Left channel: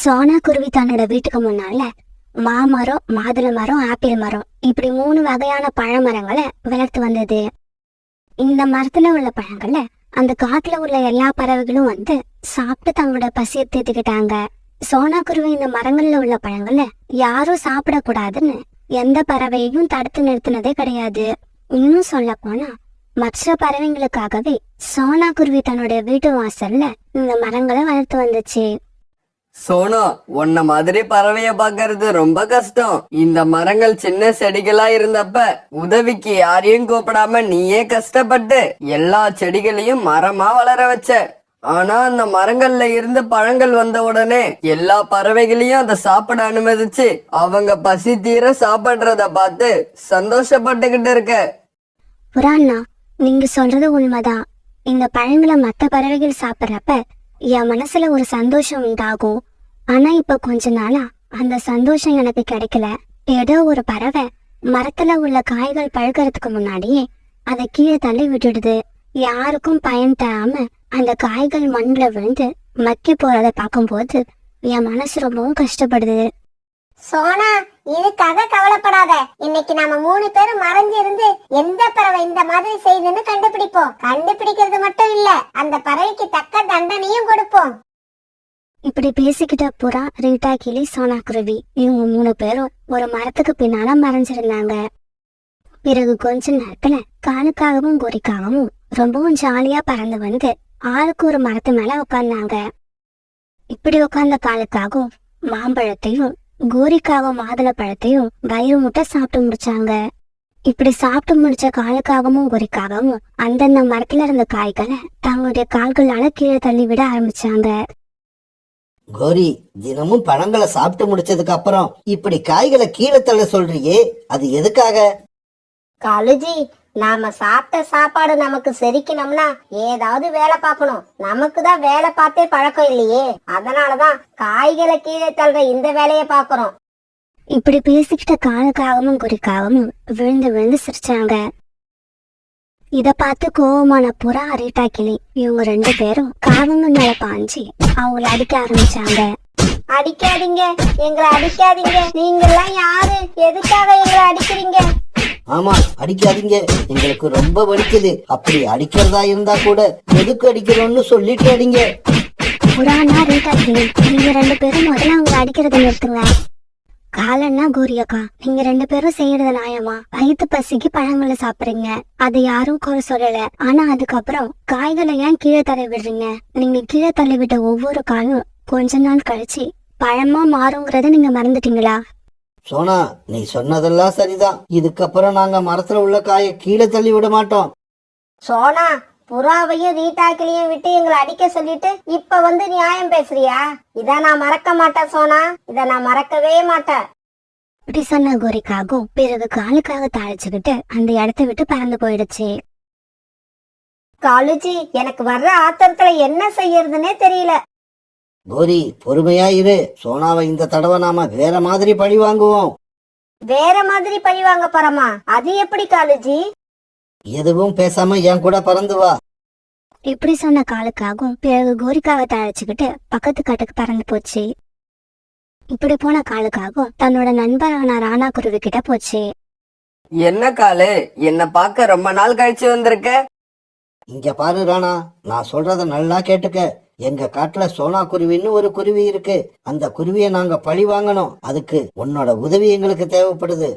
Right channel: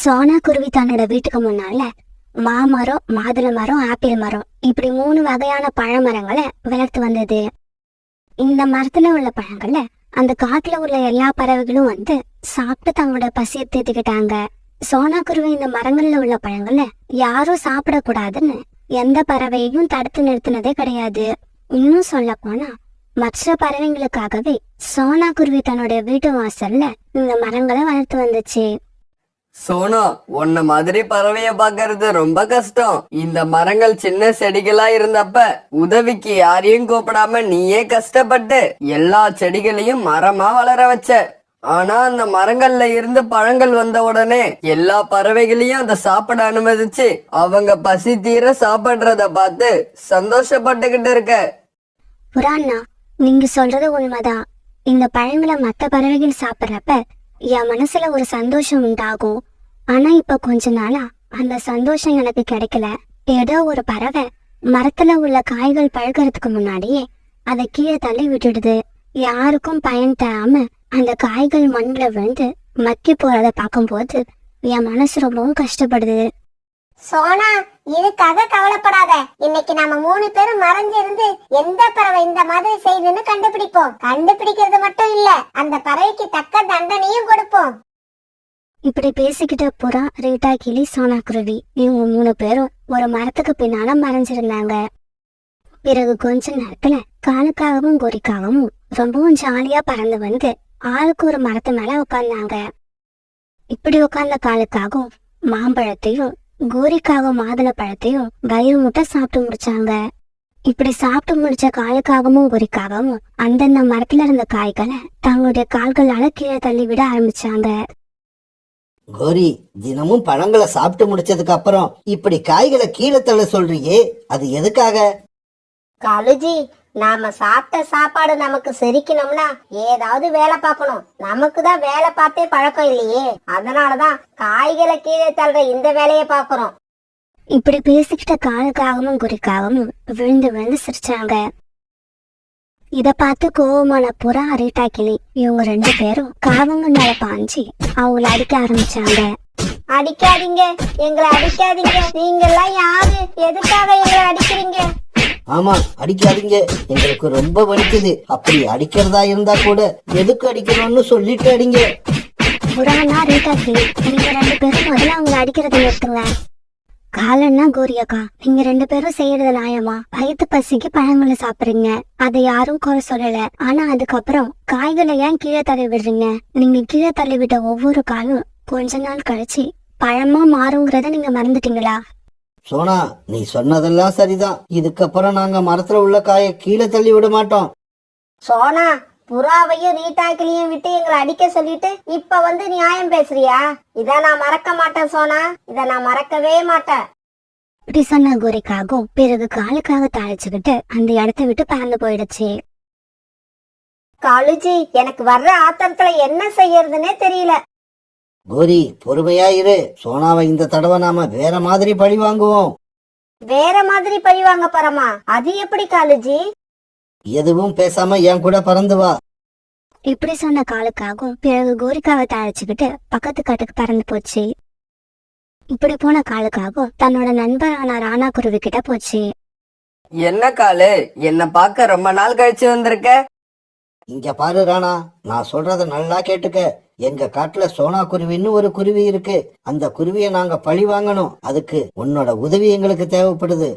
சோனா குருவி தன்னோட வீட்டுக்கு முன்னால மாமரம், மாதுளை மரம், ஆப்பிள் மரம் இப்படி 3 வகையான பழமரங்களை வளர்த்து வந்தது. இந்த மரத்துல உள்ள பழங்கள்ல அந்த காட்டுல உள்ள எல்லா பறவைகளும் வந்து சாப்பிட்டு தங்களோட பசியை தீர்த்துக்கிட்டாங்க. சோனா குருவி இந்த மரங்கள்ல உள்ள பழங்கள்ல யாரும் சாப்பிடக்கூடாதுன்னு எந்த பறவையையும் தடுத்து நிறுத்தினதே கிடையாது. இன்னும் சொல்ல போனா மற்ற பறவைங்களுக்காகவே சோனா குருவி தன்னோட வீட்டு வாசல்ல இந்த மரங்களை வளர்த்து வந்துச்சு. சோனா, உன்ன மாதிரி பறவைய பாக்குறது ரொம்ப கஷ்டம். இந்த மரங்கள் சின்ன செடிகளா இருந்தப்ப உதவிக்கு யாரையும் கூப்பிடாம நீயே கஷ்டப்பட்டு எல்லா செடிகளையும் மரமா வளர வச்ச. ஆனா அந்த மரங்கள்ல இருந்து பழங்கள் வந்த உடனே எல்லா பறவைகளையும் அதை சாப்பிட அனுமதிச்சு அவங்க பசி தீர சாப்பிடுறத பார்த்து சந்தோஷப்பட்டுக்கிட்டு இருக்க. புறாண்ணா, நீங்க சொல்றது உண்மைதான். இந்த பழங்களை மற்ற பறவைகள் சாப்பிட்றப்ப என் மனசுல ஒரு சந்தோஷம் உண்டாகும். ஆனா இப்ப கொஞ்ச நாளா அந்த சந்தோஷம் எனக்கு கிடைக்கல. ஏதோ ஒரு பறவை மரத்துல உள்ள காய்கள் பழுக்கிறதுக்கு முன்னாடியே அதை கீழே தள்ளி விட்டுடுது. யாருக்கும் பயன் தராம அந்த காய்கள் மண்ணுல விழுந்து மக்கி போறத பார்க்கும்போது என் மனசு ரொம்பவும் கஷ்டப்படுது. சோனா, இதுக்காக கவலைப்படாத. இன்னைக்கு நாம 3 பேரும் மறைஞ்சிருந்து எந்த பறவை இந்த மாதிரி செய்யுதுன்னு கண்டுபிடிப்போம். கண்டுபிடிக்கிறது மட்டும் இல்ல, அந்த பறவைக்கு தக்க தண்டனையும் கொடுப்போம். இப்படி பேசிக்கிட்ட புறா, ரீட்டா, கிளி, சோனா குருவி இவங்க 3 பேரும் ஒரு மரத்துக்கு பின்னால மறைஞ்சிருந்தாங்க. பிறகு கொஞ்ச நேரத்துல காலுக்காகவும் கோரிக்காகவும் ரொம்பவும் ஜாலியா பறந்து வந்து ஆளுக்கு ஒரு மரத்து மேல உட்கார்ந்தாங்க. இப்படி உட்கார்ந்த காலுக்காகவும் மாம்பழத்தையும் கோரிக்காகவும் மாதுளை பழத்தையும் வயிறு முட்டை சாப்பிட்டு முடிச்சாங்க. இப்படி சாப்பிட்டு முடிச்ச காலுக்காகவும் கோரிக்காகவும் அந்தந்த மரத்துல இருந்த காய்களை தங்களுடைய கால்களால கீழே தள்ளி விட ஆரம்பிச்சாங்க. கோரி, தினமும் பழங்களை சாப்பிட்டு முடிச்சதுக்கு அப்புறம் இப்படி காய்களை கீழே தள்ள சொல்றியே, அது எதுக்காக? காலுஜி, நாம சாப்பிட்ட சாப்பாடு நமக்கு செரிக்கணும்னா ஏதாவது வேலை பார்க்கணும். நமக்கு தான் வேலை பார்த்தே பழக்கம் இல்லையே, அதனாலதான் காய்களை கீழே தள்ளுற இந்த வேலையை பார்க்கறோம். இப்படி பேசிக்கிட்ட காலுக்காகவும் குறிக்காகவும் விழுந்து விழுந்து சிரிச்சாங்க. இத பார்த்து கோவமான புறா, ரீட்டா, கிளி இவங்க 2 பேரும் காவங்க மேல பாஞ்சு அவங்கள அடிக்க ஆரம்பிச்சாங்க. அடிக்காதீங்க, எங்களை அடிக்காதீங்க. நீங்க எல்லாம் யாரு? எதுக்காக எங்களை அடிக்கிறீங்க? ஆமா, அடிக்காதீங்க, எங்களுக்கு ரொம்ப வலிக்குது. அப்படி அடிக்கிறதா இருந்தா கூட எதுக்கு அடிக்கிறோம்னு சொல்லிட்டு அடிங்க. புறானா, ரீட்டா, கிளி நீங்க 2 பேரும் முதல்ல அவங்கள அடிக்கிறத நிறுத்துங்க. காலன்னா கோரியக்கா, நீங்க 2 பேரும் செய்யறது நியாயமா? வயிற்று பசிக்கு பழங்களை சாப்பிடுறீங்க, அதை யாரும் குறை சொல்லல. ஆனா அதுக்கப்புறம் காய்களை ஏன் கீழே தள்ளி விடுறீங்க? நீங்க கீழே தள்ளி விட்ட ஒவ்வொரு காயும் கொஞ்ச நாள் கழிச்சு பழமா மாறுங்கிறத நீங்க மறந்துட்டீங்களா? சோனா, நீ சொன்னதெல்லாம் சரிதான். இதுக்கப்புறம் நாங்க மரத்துல உள்ள காயை கீழே தள்ளி விட மாட்டோம். சோனா, புறாவையும் ரீட்டாக்கிலையும் விட்டு எங்களை அடிக்க சொல்லிட்டு இப்ப வந்து நியாயம் பேசுறியா? இத நான் மறக்க மாட்டேன் சோனா, இத நான் மறக்கவே மாட்டேன். இப்படி சொன்ன கோரிக்காகும் பிறகு காலுக்காக தாளிச்சுக்கிட்டு அந்த இடத்த விட்டு பறந்து போயிடுச்சு. காலுஜி, எனக்கு வர்ற ஆத்திரத்துல என்ன செய்யறதுன்னே தெரியல. கோரி, பொறுமையா இரு. சோனாவை இந்த தடவை நாம வேற மாதிரி பழி வாங்குவோம். வேற மாதிரி பழி வாங்க போறோமா? அது எப்படி காலுஜி? எதுவும் பேசாம என் கூட பறந்து வா. இப்படி சொன்ன காலுக்காகும் பிறகு கோரிக்காவை தாளிச்சுக்கிட்டு பக்கத்து காட்டுக்கு பறந்து போச்சு. இப்படி போன காலுக்காகும் தன்னோட நண்பரான ராணா குருவி கிட்ட போச்சு. என்ன காலு, என்ன பார்க்க ரொம்ப நாள் கழிச்சு வந்திருக்க? இங்க பாரு ராணா, நான் சொல்றத நல்லா கேட்டுக்க. எங்க காட்டுல சோனா குருவின்னு ஒரு குருவி இருக்கு. அந்த குருவியை நாங்க பழி வாங்கணும். அதுக்கு உன்னோட உதவி எங்களுக்கு தேவைப்படுது.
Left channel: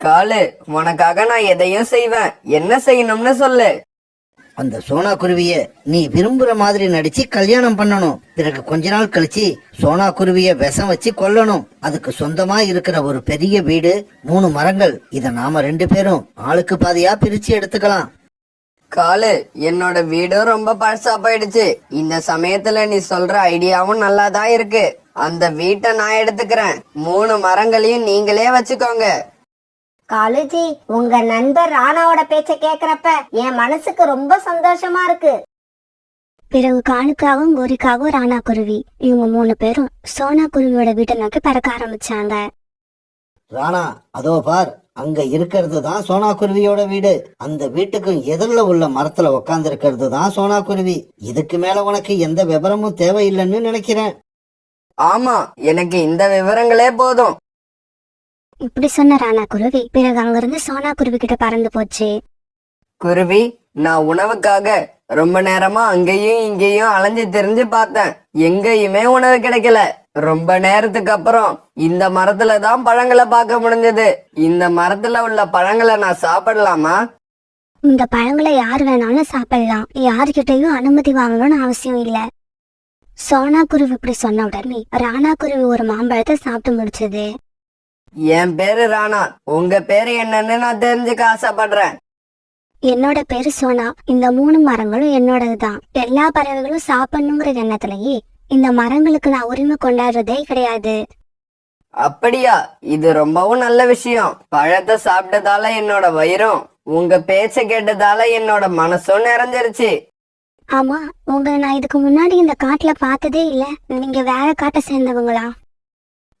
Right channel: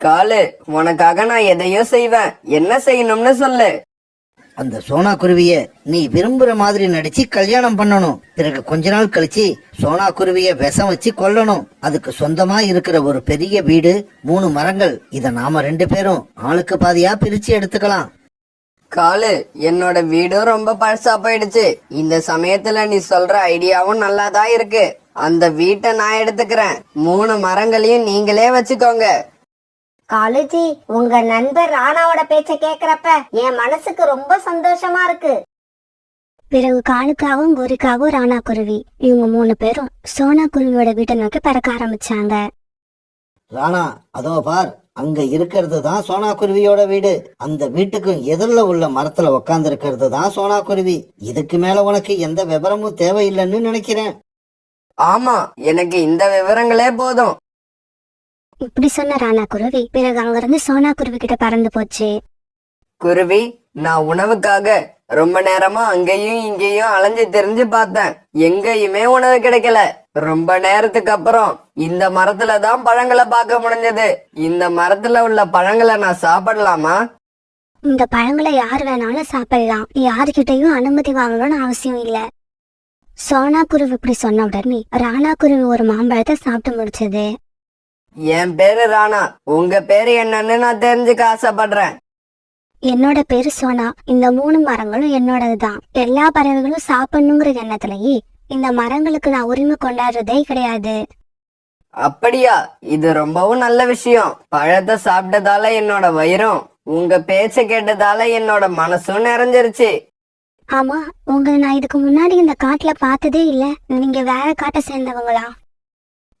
காலு, உனக்காக நான் எதையும் செய்வேன். என்ன செய்யணும்னு சொல்லு. அந்த சோனா குருவிய நீ விரும்புற மாதிரி நடிச்சு கல்யாணம் பண்ணணும். பிறகு கொஞ்ச நாள் கழிச்சு சோனா குருவிய விஷம் வச்சு கொல்லணும். அதுக்கு சொந்தமா இருக்கிற ஒரு பெரிய வீடு, 3 மரங்கள், இத நாம 2 பேரும் ஆளுக்கு பாதியா பிரிச்சு எடுத்துக்கலாம். காலு, என்னோட வீடும் ரொம்ப பழசா போயிடுச்சு. இந்த சமயத்துல நீ சொல்ற ஐடியாவும் நல்லாதான் இருக்கு. அந்த வீட்டை நான் எடுத்துக்கிறேன். 3 மரங்களையும் நீங்களே வச்சுக்கோங்க. காலுஜி, உங்க நண்பர் ராணாவோட பேச்ச கேக்குறப்ப என் மனசுக்கு ரொம்ப சந்தோஷமா இருக்கு. பிறகு காலுக்காகவும் கோரிக்காகவும் ராணா குருவி இவங்க 3 பேரும் சோனா குருவியோட வீட்டை நோக்கி பறக்க ஆரம்பிச்சாங்க. ராணா, அதோ பார், அங்க இருக்கிறது தான் சோனா குருவியோட வீடு. அந்த வீட்டுக்கு எதிரில் உள்ள மரத்துல உக்காந்து இருக்கிறது தான் சோனா குருவி. இதுக்கு மேல உனக்கு எந்த விவரமும் தேவையில்லைன்னு நினைக்கிறேன். ஆமா, எனக்கு இந்த விவரங்களே போதும். இப்படி சொன்ன ராணா குருவி பிறகு அங்கிருந்து சோனா குருவி கிட்ட பறந்து போச்சு. குருவி, நான் உணவுக்காக ரொம்ப நேரமா அங்கேயும் இங்கேயும் அலைஞ்சு திரிஞ்சு பார்த்தேன். எங்கேயுமே உணவு கிடைக்கல. ரொம்ப நேரத்துக்கு அப்புறம் இந்த மரத்துல தான் பழங்களை பார்க்க முடிஞ்சது. இந்த மரத்துல உள்ள பழங்களை நான் சாப்பிடலாமா? இந்த பழங்களை யார் வேணாலும் சாப்பிடலாம், யாருக்கிட்டையும் அனுமதி வாங்கணும்னு அவசியம் இல்ல. சோனா குருவி இப்படி சொன்ன உடனே ராணா குருவி ஒரு மாம்பழத்தை சாப்பிட்டு முடிச்சது. என் பேரு ராணா. உங்க பேரு என்னன்னு நான் தெரிஞ்சுக்க ஆசைப்படுறேன். என்னோட பேரு சோனா. இந்த 3 மரங்களும் என்னோடதுதான். எல்லா பறவைகளும் சாப்பிடணுங்கிற எண்ணத்திலேயே இந்த மரங்களுக்கு நான் உரிமை கொண்டாடுறதே கிடையாது. அப்படியா? இது ரொம்பவும் நல்ல விஷயம். பழத்தை சாப்பிட்டதால என்னோட வயிறும், உங்க பேச்ச கேட்டதால என்னோட மனசும் நிறைஞ்சிருச்சு. ஆமா, உங்களை நான் இதுக்கு முன்னாடி இந்த காட்டுல பார்த்ததே இல்ல. நீங்க வேற காட்டை சேர்ந்தவங்களா?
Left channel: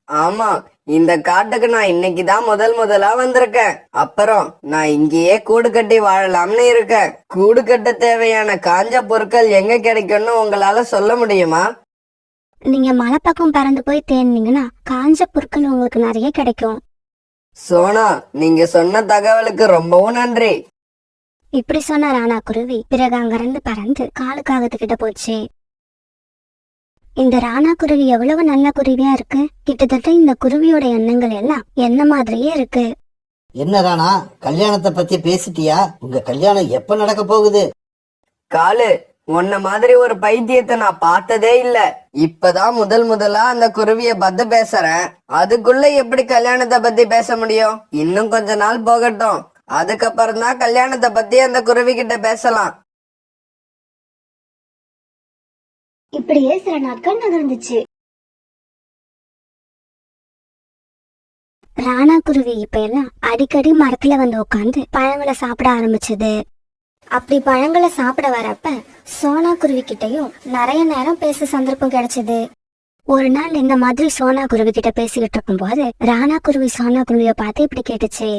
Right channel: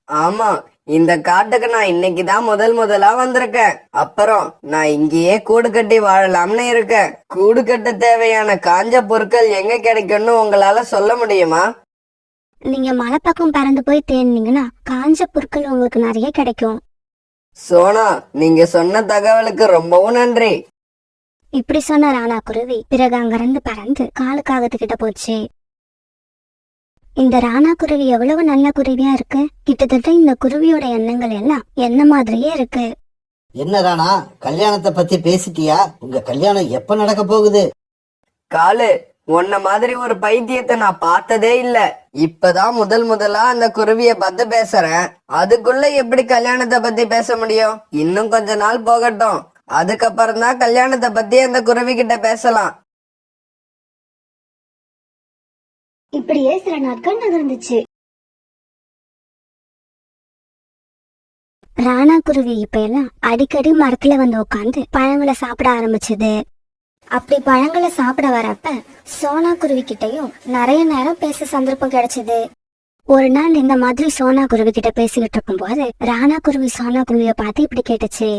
ஆமா, இந்த காட்டுக்கு நான் இன்னைக்குதான் முதலா வந்திருக்கேன். அப்புறம் நான் இங்கேயே கூடு கட்டி வாழலாம்னு இருக்கேன். கூடு கட்ட தேவையான காஞ்ச பொருட்கள் எங்க கிடைக்கும்னு உங்களால சொல்ல முடியுமா? நீங்க மலை பக்கம் பறந்து போய் தேடினீங்கன்னா காஞ்ச பொருட்கள் உங்களுக்கு நிறைய கிடைக்கும். சோனா, நீங்க சொன்ன தகவலுக்கு ரொம்பவும் நன்றி. இப்படி சொன்ன ராணா குருவி பிறகு அங்கிருந்து பறந்து காலுக்காகத்துக்கிட்ட போச்சு. இந்த ராணா குருவி எவ்வளவு நல்ல குருவியா இருக்கு. கிட்டத்தட்ட இந்த குருவியோட எண்ணங்கள் எல்லாம் என்ன மாதிரியே இருக்கு. என்ன ராணா, கல்யாணத்தை பத்தி பேசிட்டியா? உங்க கல்யாணம் எப்ப நடக்க போகுது? காலு, உன்ன மாதிரி ஒரு பைத்தியத்தை நான் பார்த்ததே இல்ல. இப்பதான் முதலா அந்த குருவிய பத்தி பேசுறேன். அதுக்குள்ள எப்படி கல்யாணத்தை பத்தி பேச முடியும்? இன்னும் கொஞ்ச நாள் போகட்டும். அதுக்கப்புறம் தான் கல்யாணத்தை பத்தி அந்த குருவி கிட்ட பேசலாம். இப்படியே சில நாட்கள் நகர்ந்துச்சு. ராணா குருவி இப்ப எல்லாம் அடிக்கடி மரத்துல வந்து உட்காந்து பழங்களை சாப்பிட ஆரம்பிச்சது. அப்படி பழங்களை சாப்பிட வரப்ப சோனா குருவி கிட்டையும் நிறைய நேரம் பேச சந்தர்ப்பம் கிடைச்சது. ஒரு நாள் இந்த மாதிரி சோனா குருவி கிட்ட பேசிக்கிட்டு இருக்கும் போது ராணா குருவி சோனா குருவிய பார்த்து இப்படி கேட்டுச்சு.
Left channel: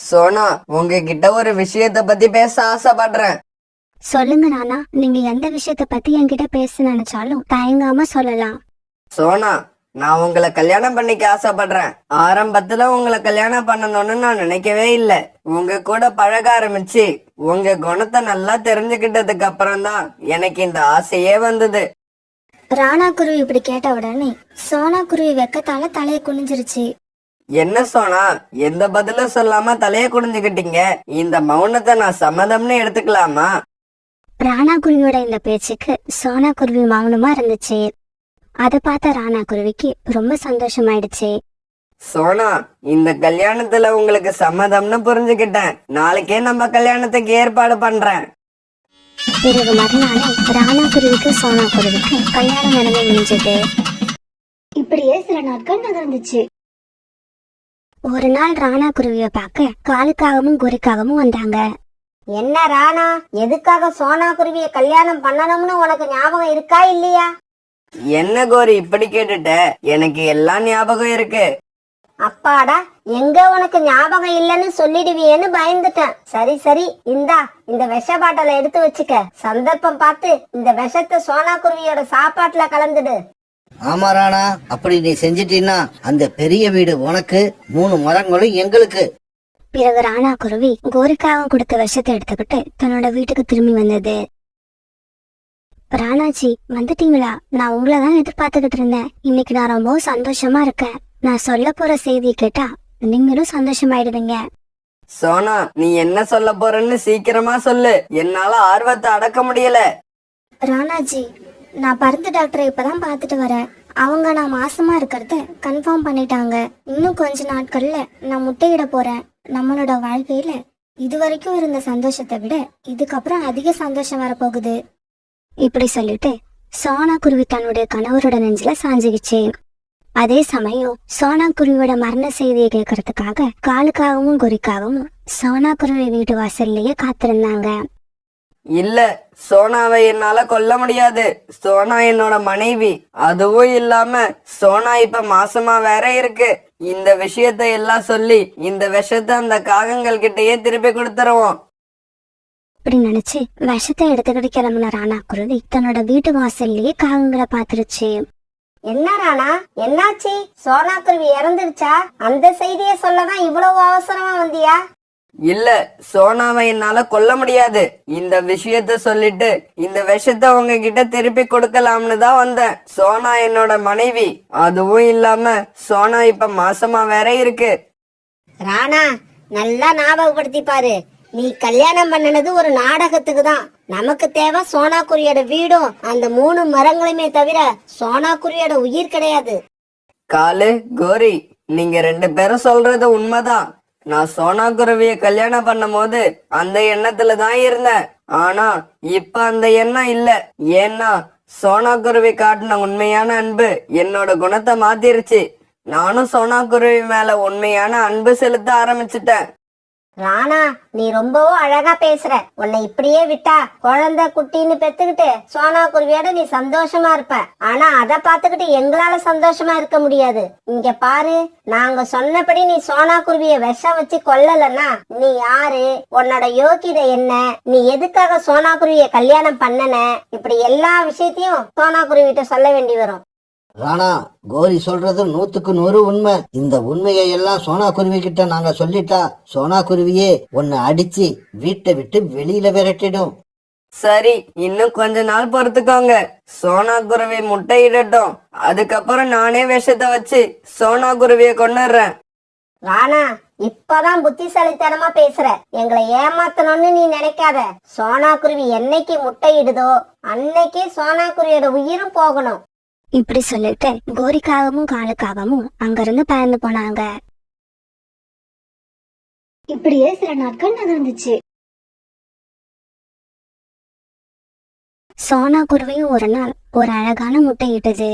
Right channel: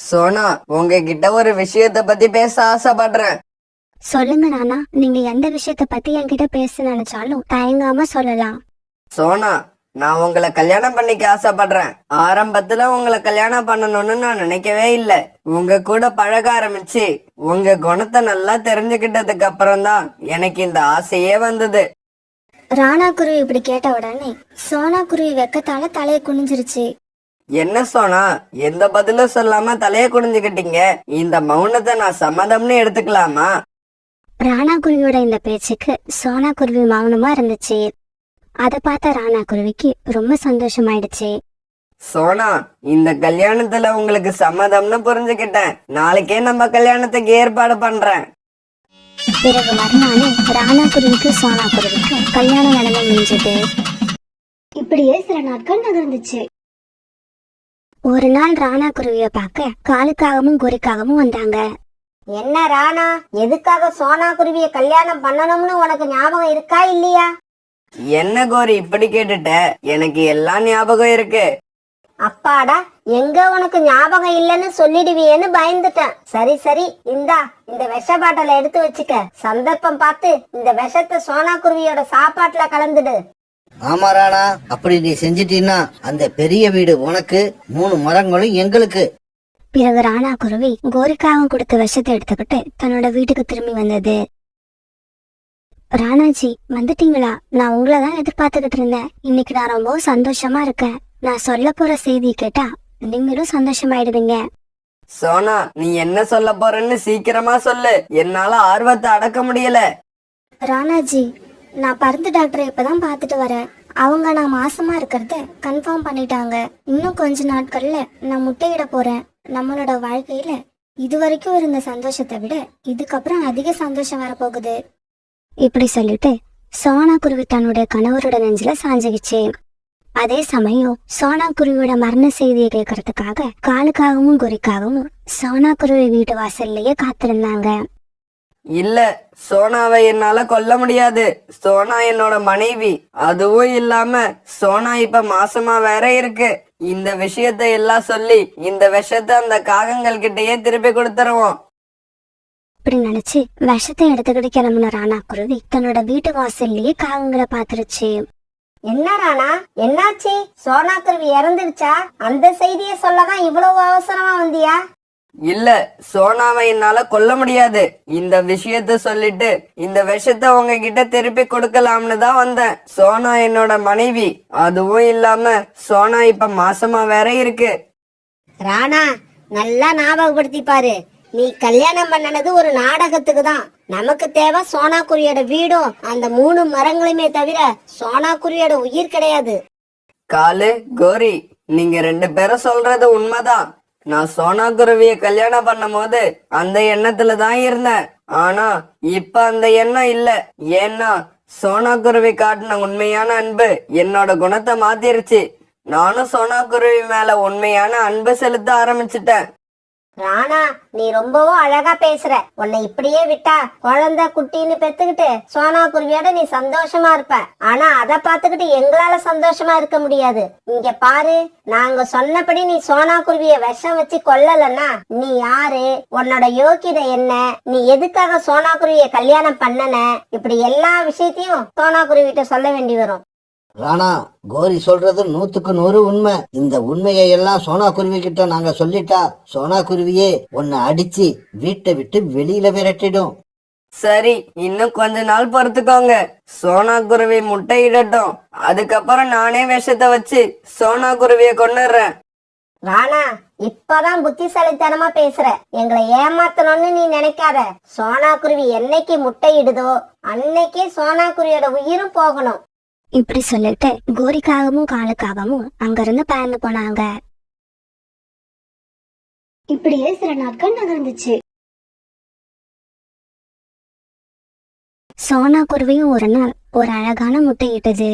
சோனா, உங்ககிட்ட ஒரு விஷயத்த பத்தி பேச ஆசைப்படுறேன். சொல்லுங்க ராணா, நீங்க எந்த விஷயத்த பத்தி என்கிட்ட பேச நினைச்சாலும் தயங்காம சொல்லலாம். சோனா, நான் உங்களை கல்யாணம் பண்ணிக்க ஆசைப்படுறேன். ஆரம்பத்துல உங்களை கல்யாணம் பண்ணணும்னு நான் நினைக்கவே இல்ல. உங்க கூட பழக ஆரம்பிச்சு உங்க குணத்தை நல்லா தெரிஞ்சுக்கிட்டதுக்கு அப்புறம் தான் எனக்கு இந்த ஆசையே வந்தது. ராணா குருவி இப்படி கேட்ட உடனே சோனா குருவி வெக்கத்தால தலைய குனிஞ்சிருச்சு. என்ன சோனா, எந்த பதிலும் சொல்லாம தலைய குனிஞ்சுக்கிட்டீங்க? இந்த மௌனத்தை நான் சம்மதம்னு எடுத்துக்கலாமா? ராணா குருவியோட இந்த பேச்சுக்கு சோனா குருவி மௌனமா இருந்துச்சு. அத பார்த்த ராணா குருவிக்கு ரொம்ப சந்தோஷமாயிடுச்சு. சோனா, இந்த கல்யாணத்துல உங்களுக்கு சம்மதம்னு புரிஞ்சுக்கிட்டேன். நாளைக்கே நம்ம கல்யாணத்துக்கு ஏற்பாடு பண்றேன். பிறகு மறுநாளே ராணா குருவிக்கு சோனா குருவிக்கு கல்யாணம் நடந்து முடிஞ்சது. இப்படியே சில நாட்கள் நகர்ந்துச்சு. ஒரு நாள் ராணா குருவிய பார்க்க காலுக்காகவும் குறிக்காகவும் வந்தாங்க. என்ன ராணா, எதுக்காக சோனா குருவிய கல்யாணம் பண்ணணும்னு உனக்கு ஞாபகம் இருக்கா இல்லையா? என்ன கோரி இப்படி கேட்டுட்ட? எனக்கு எல்லாம் ஞாபகம் இருக்கு. அப்பாடா, எங்க உனக்கு ஞாபகம் இல்லைன்னு சொல்லிடுவியேன்னு பயந்துட்டேன். சரி சரி, இந்த விஷ பாட்டில எடுத்து வச்சுக்க. சந்தர்ப்பம் பார்த்து இந்த விஷத்தை சோனா குருவியோட சாப்பாட்டுல கலந்துடு. ஆமா ராணா, அப்படி நீ செஞ்சிட்டீன்னா அந்த பெரிய வீடு உனக்கு, 3 மரங்களும் எங்களுக்கு. பிறகு ராணா குருவி கோரிக்காவும் கொடுத்த விஷத்தை எடுத்துக்கிட்டு தன்னோட வீட்டுக்கு திரும்பி வந்தது. ராணாஜி, வந்துட்டீங்களா? நான் உங்களை தான் எதிர்பார்த்துக்கிட்டு இருந்தேன். இன்னைக்கு நான் ரொம்பவும் சந்தோஷமா இருக்கேன். நான் சொல்ல போற செய்தியை கேட்டா நீங்களும் சந்தோஷமாயிடுவீங்க. சோனா, நீ என்ன சொல்ல போறன்னு சீக்கிரமா சொல்லு. என்னால ஆர்வத்தை அடக்க முடியல. ராணாஜி, நான் பருந்து டாக்டரை இப்பதான் பார்த்துட்டு வரேன். அவங்க நான் மாசமா இருக்கிறத கன்ஃபார்ம் பண்ணிட்டாங்க. இன்னும் கொஞ்ச நாட்கள்ல நான் முட்டையிட போறேன். நம்மளோட வாழ்க்கையில இது வரைக்கும் இருந்த சந்தோஷத்தை விட இதுக்கப்புறம் அதிக சந்தோஷம் வரப்போகுது. இப்படி சொல்லிட்டு சோனா குருவி தன்னுடைய கணவரோட நெஞ்சில சாஞ்சிக்கிச்சு. அதே சமயம் சோனா குருவியோட மரண செய்தியை கேட்கறதுக்காக காலுக்காகவும் குறிக்காகவும் சோனா குருவி வீட்டு வாசல்லையே காத்திருந்தாங்க. இல்ல, சோனாவை என்னால கொல்ல முடியாது. சோனா என்னோட மனைவி. அதுவும் இல்லாம சோனா இப்ப மாசமா வேற இருக்கு. இந்த விஷயத்தை எல்லாம் சொல்லி இந்த விஷத்தை அந்த காகங்கள் கிட்டயே திருப்பி கொடுத்துருவோம். இப்படி நினைச்சு விஷத்தை எடுத்துக்கிட்டு கிளம்புன ராணா குருவி தன்னோட வீட்டு வாசல்லையே காகங்களை பாத்துருச்சு. என்ன ராணா, என்னாச்சு? சோனாக்குருவி இறந்துருச்சா? அந்த செய்தியை சொல்லதான் இவ்வளவு அவசரமா வந்தியா? இல்ல, சோனாவை என்னால கொல்ல முடியாது. இந்த விஷயத்த சொல்லிட்டு இந்த விஷத்தை உங்ககிட்ட திருப்பி கொடுக்கலாம்னு தான் வந்தேன். சோனா என்னோட மனைவி. அதுவும் இல்லாம சோனா இப்ப மாசமா வேற இருக்கு. ராணா, நல்லா ஞாபகப்படுத்தி பாரு. நீ கல்யாணம் பண்ணனது ஒரு நாடகத்துக்கு தான். நமக்கு தேவை சோனாக்குருவியோட வீடும் அந்த 3 மரங்களுமே தவிர சோனாக்குருவியோட உயிர் கிடையாது. காலு, கோரி, நீங்க 2 பேரும் சொல்றது உண்மைதான். நான் சோனாக்குருவிய கல்யாணம் பண்ணும் போது அந்த எண்ணத்துல தான் இருந்தேன். ஆனா இப்ப அந்த எண்ணம் இல்ல. ஏன்னா சோனாக்குருவி காட்டின உண்மையான அன்பு என்னோட குணத்தை மாத்திருச்சு. நானும் சோனாக்குருவி மேல உண்மையான அன்பு செலுத்த ஆரம்பிச்சிட்டேன். ராணா, நீ ரொம்பவும் அழகா பேசுற. உன்னை இப்படியே விட்டா குழந்தை குட்டின்னு பெத்துக்கிட்டு சோனாக்குருவியோட நீ சந்தோஷமா இருப்ப. ஆனா அதை பார்த்துக்கிட்டு எங்களால சந்தோஷமா இருக்க முடியாது. இங்க பாரு, நாங்க சொன்னபடி நீ சோனாக்குருவிய விஷம் வச்சு கொல்லலன்னா நீ யாரு, உன்னோட யோகிதை என்ன, நீ எதுக்காக சோனாக்குருவிய கல்யாணம் பண்ணன, இப்படி எல்லா விஷயத்தையும் சோனாக்குருவிட்ட சொல்ல வேண்டி வரும். ராணா, கோரி சொல்றது 100க்கு 100 உண்மை. இந்த உண்மையை எல்லாம் சோனா குருவி கிட்ட நாங்க சொல்லிட்டா சோனா குருவியே உன்னை அடிச்சு வீட்டை விட்டு வெளியில விரட்டிடும். சரி, இன்னும் கொஞ்ச நாள் பொறுத்துக்கோங்க. சோனாக்குருவி முட்டையிடட்டும். அதுக்கப்புறம் நானே விஷத்தை வச்சு சோனாக்குருவிய கொன்னுடுறேன். ராணா, இப்பதான் புத்திசாலித்தனமா பேசுற. எங்களை ஏமாத்தணும்னு நீ நினைக்காத. சோனாக்குருவி என்னைக்கு முட்டையிடுதோ அன்னைக்கே சோனாக்குருவியோட உயிரும் போகணும். இப்படி சொல்லிட்டு கோரிக்காகவும் காலுக்காகவும் அங்கிருந்து பறந்து போனாங்க. இப்படியே சில நாட்கள் நகர்ந்துச்சு. சோனா குருவியும் ஒரு நாள் ஒரு அழகான முட்டை இட்டது.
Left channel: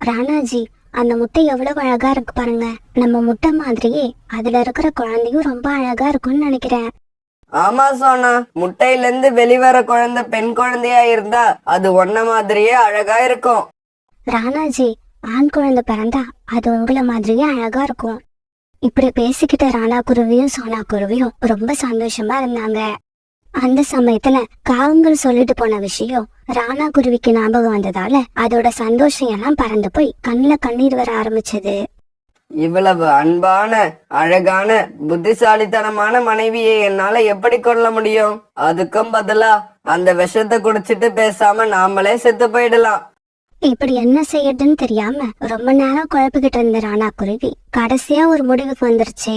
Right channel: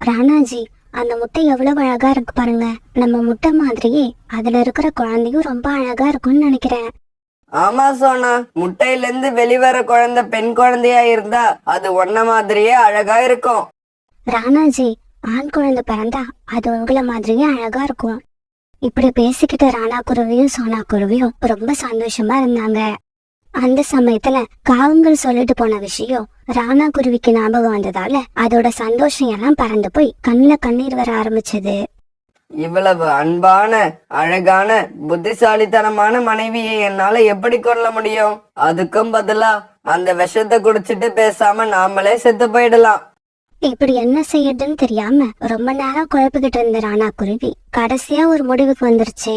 ராணாஜி, அந்த முட்டை எவ்வளவு அழகா இருக்கு பாருங்க. நம்ம முட்டை மாதிரியே அதுல இருக்கிற குழந்தையும் ரொம்ப அழகா இருக்கும்னு நினைக்கிறேன். ஆமா சோனா, முட்டையில இருந்து வெளிவர குழந்தை பெண் குழந்தையா இருந்தா அது ஒன்ன மாதிரியே அழகா இருக்கும். ராணாஜி, ஆண் குழந்தை பிறந்தா அது உங்களை மாதிரியே அழகா இருக்கும். இப்படி பேசிக்கிட்ட ராணா குருவியும் சோனா குருவியும் ரொம்ப சந்தோஷமா இருந்தாங்க. அந்த சமயத்துல காகங்கள் சொல்லிட்டு போன விஷயம் ராணா குருவிக்கு ஞாபகம் வந்ததால அதோட சந்தோஷம் எல்லாம் பறந்து போய் கண்ணுல கண்ணீர் வர ஆரம்பிச்சது. இவ்வளவு அன்பான, அழகான, புத்திசாலித்தனமான மனைவியை என்னால எப்படி கொள்ள முடியும்? அதுக்கும் பதிலா அந்த விஷத்தை குடிச்சிட்டு பேசாம நாமளே செத்து போயிடலாம். இப்படி என்ன செய்யறதுன்னு தெரியாம ரொம்ப நேரம் குழப்பிக்கிட்டு இருந்த ராணா குருவி கடைசியா ஒரு முடிவுக்கு வந்துருச்சு.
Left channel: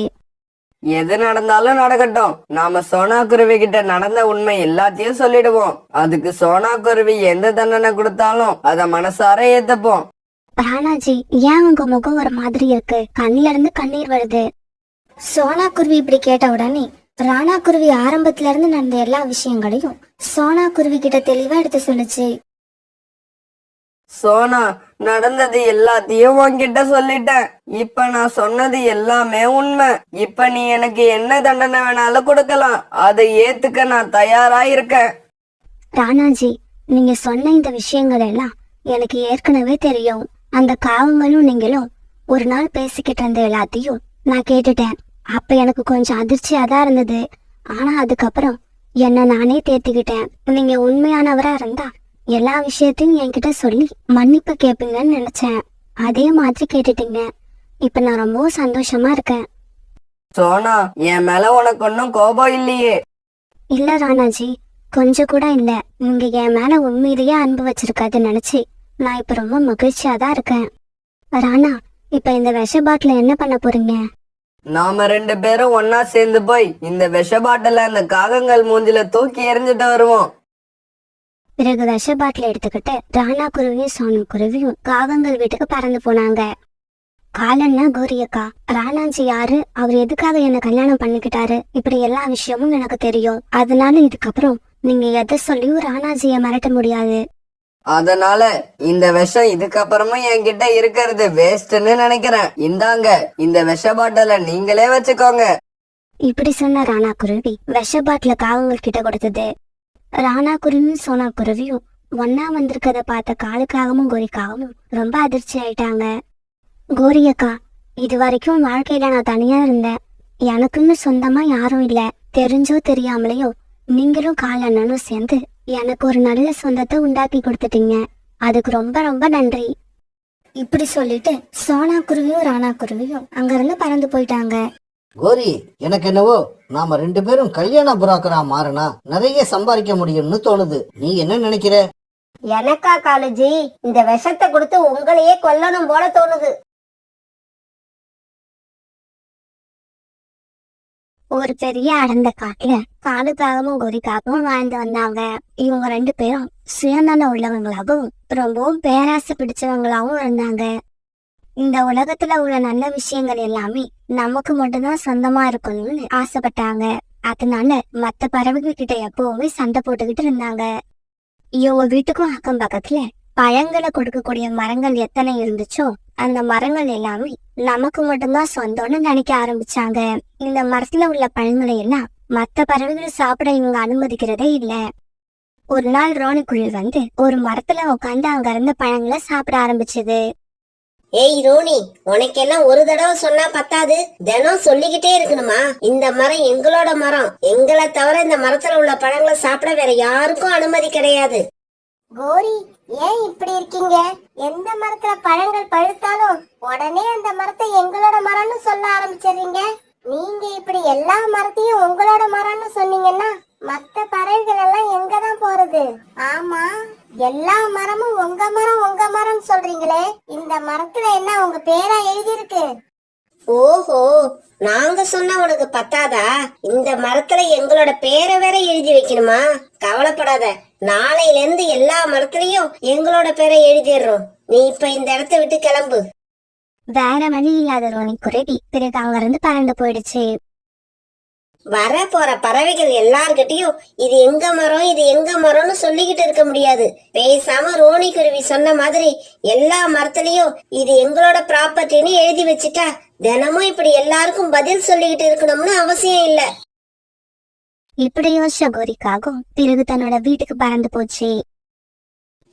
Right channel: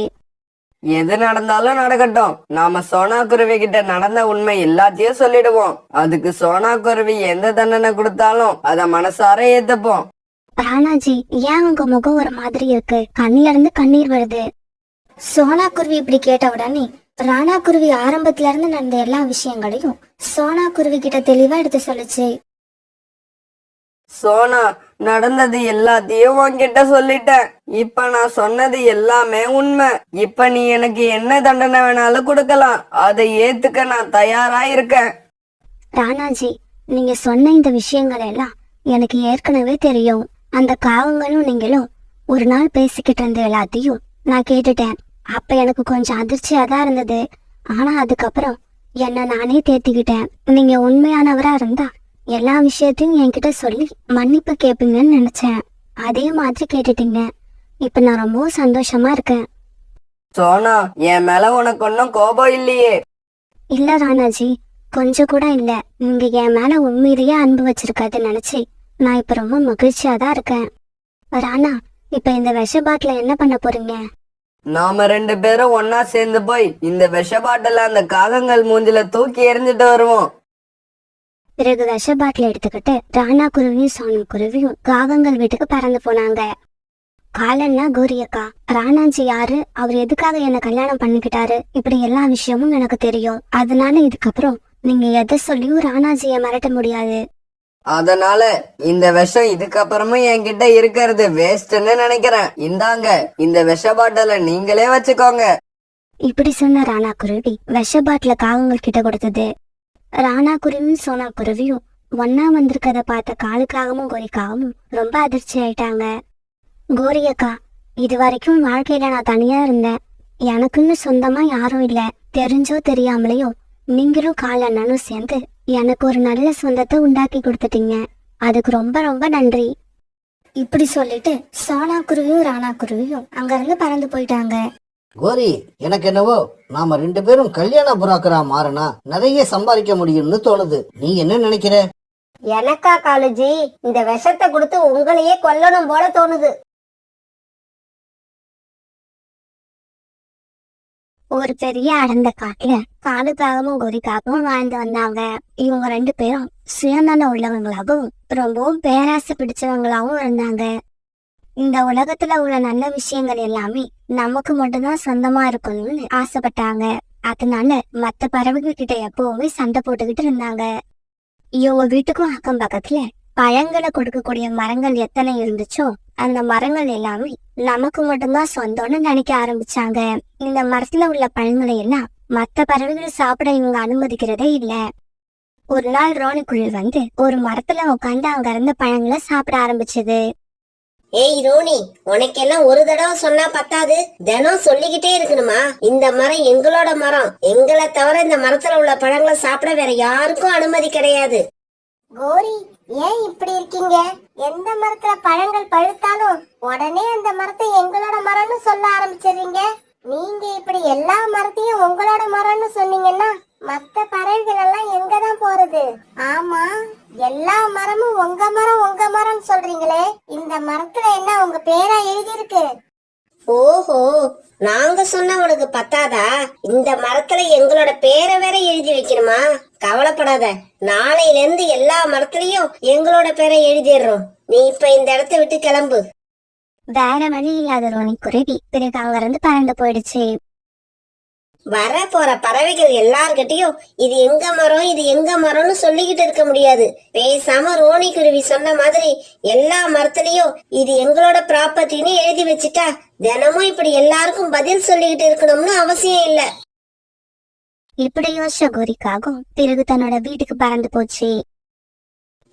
எது நடந்தாலும் நடக்கட்டும், நாம சோனாக்குருவி கிட்ட நடந்த உண்மை எல்லாத்தையும் சொல்லிடுவோம். அதுக்கு சோனாக்குருவி எந்த தண்டனை கொடுத்தாலும் அத மனசார ஏத்துப்போம். ராணாஜி, ஏன் உங்க முகம் ஒரு மாதிரி இருக்கு? கண்ணுல இருந்து கண்ணீர் வருது. சோனா குருவி இப்படி கேட்ட உடனே ராணா குருவி ஆரம்பத்துல இருந்து நடந்த எல்லா விஷயங்களையும் சோனா குருவி கிட்ட தெளிவா எடுத்து சொல்லுச்சு. சோனா, நடந்தது எல்லாத்தையும் உன்கிட்ட சொல்லிட்டேன். இப்ப நான் சொன்னது எல்லாமே உண்மை. இப்ப நீ எனக்கு என்ன தண்டனை வேணாலும் கொடுக்கலாம். அதை ஏத்துக்க நான் தயாரா இருக்கேன். ராணாஜி, நீங்க சொன்ன இந்த விஷயங்கள் எல்லாம் எனக்கு ஏற்கனவே தெரியும். அந்த காவங்களும் நீங்களும் ஒரு நாள் பேசிக்கிட்டு இருந்த எல்லாத்தையும் நான் கேட்டுட்டேன். அப்ப எனக்கு கொஞ்சம் அதிர்ச்சியா தான் இருந்தது. ஆனா அதுக்கப்புறம் என்ன நானே தேத்திக்கிட்டேன். நீங்க உண்மையானவரா இருந்தா எல்லா விஷயத்தையும் என்கிட்ட சொல்லி மன்னிப்பு கேட்பீங்கன்னு நினைச்சேன். அதே மாதிரி கேட்டுட்டீங்க. இப்ப நான் ரொம்ப சந்தோஷமா இருக்கேன். சோனா, என் மேல உனக்கு ஒன்னும் கோபம் இல்லையே? இல்ல ராணாஜி, கொஞ்சம் கூட இல்ல. நீங்க என் மேல உண்மையிலேயே அன்பு வச்சிருக்காதுன்னு நினைச்சு நான் இப்ப ரொம்ப மகிழ்ச்சியா தான் இருக்கேன். ராணா, இப்ப இந்த விஷ பாட்டில என்ன பண்ண போறீங்க? நாம 2 பேரும் ஒன்னா சேர்ந்து போய் இந்த விஷ பாட்டில அந்த காகங்கள் மூஞ்சில தூக்கி எறிஞ்சிட்டு வருவோம். பிறகு விஷ பாட்டில எடுத்துக்கிட்டு ராணா குருவியும் சோனா குருவியும் காகங்கள் வீட்டுக்கு பறந்து போனாங்க. காலன்னா கோரியக்கா, ராணாஜி யாரு, அவர் எதுக்காக என்ன கல்யாணம் பண்ணிக்கிட்டாரு, இப்படி எல்லா விஷயமும் எனக்கு தெரியும். அதனால இதுக்கப்புறம் நீங்க எதை சொல்லியும் ராணாஜிய மிரட்ட முடியாது. அதனால இந்த விஷம் இதுக்கப்புறமும் என்கிட்ட இருக்கிறது வேஸ்ட்னு நினைக்கிறேன். இந்தாங்க, இந்த விஷ பாட்டில நீங்களே வச்சுக்கோங்க. இப்படி சொன்ன ராணா குருவி விஷ பாட்டில காகங்கள் கிட்ட கொடுத்தது. ராணா குருவியும் சோனா குருவியும் ஒன்னா வந்திருக்கத பார்த்த காலுக்காகவும் கோரிக்காகவும் ரொம்ப அதிர்ச்சி ஆயிட்டாங்க. கோரியக்கா, இது வரைக்கும் வாழ்க்கையில நான் தனியா இருந்தேன். எனக்குன்னு சொந்தமா யாரும் இல்ல. தெரிஞ்சோ தெரியாமலையோ நீங்களும் கால் அண்ணனும் சேர்ந்து எனக்கு ஒரு நல்ல சொந்தத்தை உண்டாக்கி கொடுத்துட்டீங்க. அதுக்கு ரொம்ப ரொம்ப நன்றி. இப்படி சொல்லிட்டு சோனா குருவியும் ராணா குருவியும் அங்கிருந்து பறந்து போயிட்டாங்க. கோரி, எனக்கு என்னவோ நாம 2 பேரும் கல்யாண புறாக்கரா மாறினா நிறைய சம்பாதிக்க முடியும்னு தோணுது. நீ என்ன நினைக்கிற? எனக்கா காலுஜி, இந்த விஷத்தை கொடுத்து உங்களையே கொல்லணும் போல தோணுது. ஒரு பெரிய அடர்ந்த காட்டுல காலுக்காகவும் கோரிக்காகவும் வாழ்ந்து வந்தாங்க. இவங்க 2 பேரும் சுயநலம் உள்ளவங்களாகவும் ரொம்பவும் பேராசை பிடிச்சவங்களாகவும் இருந்தாங்க. இந்த உலகத்துல உள்ள நல்ல விஷயங்கள் எல்லாமே நமக்கு மட்டும்தான் சொந்தமா இருக்கணும்னு ஆசைப்பட்டாங்க. அதனால மத்த பறவைகள் கிட்ட எப்பவுமே சண்டை போட்டுக்கிட்டு இருந்தாங்க. இவங்க வீட்டுக்கும் அக்கம் பக்கத்துல பழங்களை கொடுக்கக்கூடிய மரங்கள் எத்தனை இருந்துச்சோ அந்த மரங்கள் எல்லாமே நமக்கு மட்டும்தான் சொந்தம்னு நினைக்க ஆரம்பிச்சாங்க. இந்த மரத்துல உள்ள பழங்களை எல்லாம் மத்த பறவைகள் சாப்பிட இவங்க அனுமதிக்கிறதே இல்ல. ஒரு நாள் ரோனிக்குயில் வந்து ஒரு மரத்துல உட்காந்து அங்க இருந்த பழங்களை சாப்பிட ஆரம்பிச்சது. ஏய் ரோனி, உனக்கெல்லாம் ஒரு தடவை சொன்னா பத்தாது, தினம் சொல்லிக்கிட்டே இருக்கணுமா? இந்த மரம் எங்களோட மரம், எங்களை தவிர இந்த மரத்துல உள்ள பழங்களை சாப்பிட வேற யாருக்கும் அனுமதி கிடையாது. கோரி, ஏன் இப்படி இருக்கீங்க? எந்த மரத்துல பழங்கள் பழுத்தாலும் உடனே அந்த மரத்தை எங்களோட மரம்னு சொல்ல ஆரம்பிச்சிடுறீங்க. நீங்க இப்படி எல்லா மரத்தையும் உங்களோட மரம்னு சொன்னீங்கன்னா மத்த பறவைகள் எல்லாம் எங்கதான் போறது? ஆமா, எல்லா மரமும் உங்க மரம் சொல்றீங்களே, இந்த மரத்துல என்ன உங்க பேரா எழுதியிருக்கு? ஓஹோ, நாங்க சொன்னா உனக்கு பத்தாதா? இந்த மரத்துல எங்களோட பேரை வேற எழுதி வைக்கணுமா? கவலைப்படாத, நாளையில இருந்து எல்லா மரத்துலயும் எங்களோட பேரை எழுதிடுறோம். நீ இப்ப இந்த இடத்த விட்டு கிளம்பு. வேற வழி இல்லாத ரோனி குருவி பிறகு அங்க இருந்து பறந்து போயிடுச்சு. வர போற பறவைகள் எல்லார்கிட்டயும் இது எங்க மரம் இது எங்க மரம்னு சொல்லிக்கிட்டு இருக்க முடியாது. பேசாம ரோனி குருவி சொன்ன மாதிரி எல்லா மரத்துலயும் இது எங்களோட ப்ராப்பர்ட்டின்னு எழுதி வச்சுட்டா தினமும் இப்படி எல்லாருக்கும் பதில் சொல்லிக்கிட்டு இருக்கணும்னு அவசியம் இல்ல. இப்படி யோசிச்ச கோரிக்காகவும் பிறகு தன்னோட வீட்டுக்கு பறந்து போச்சு.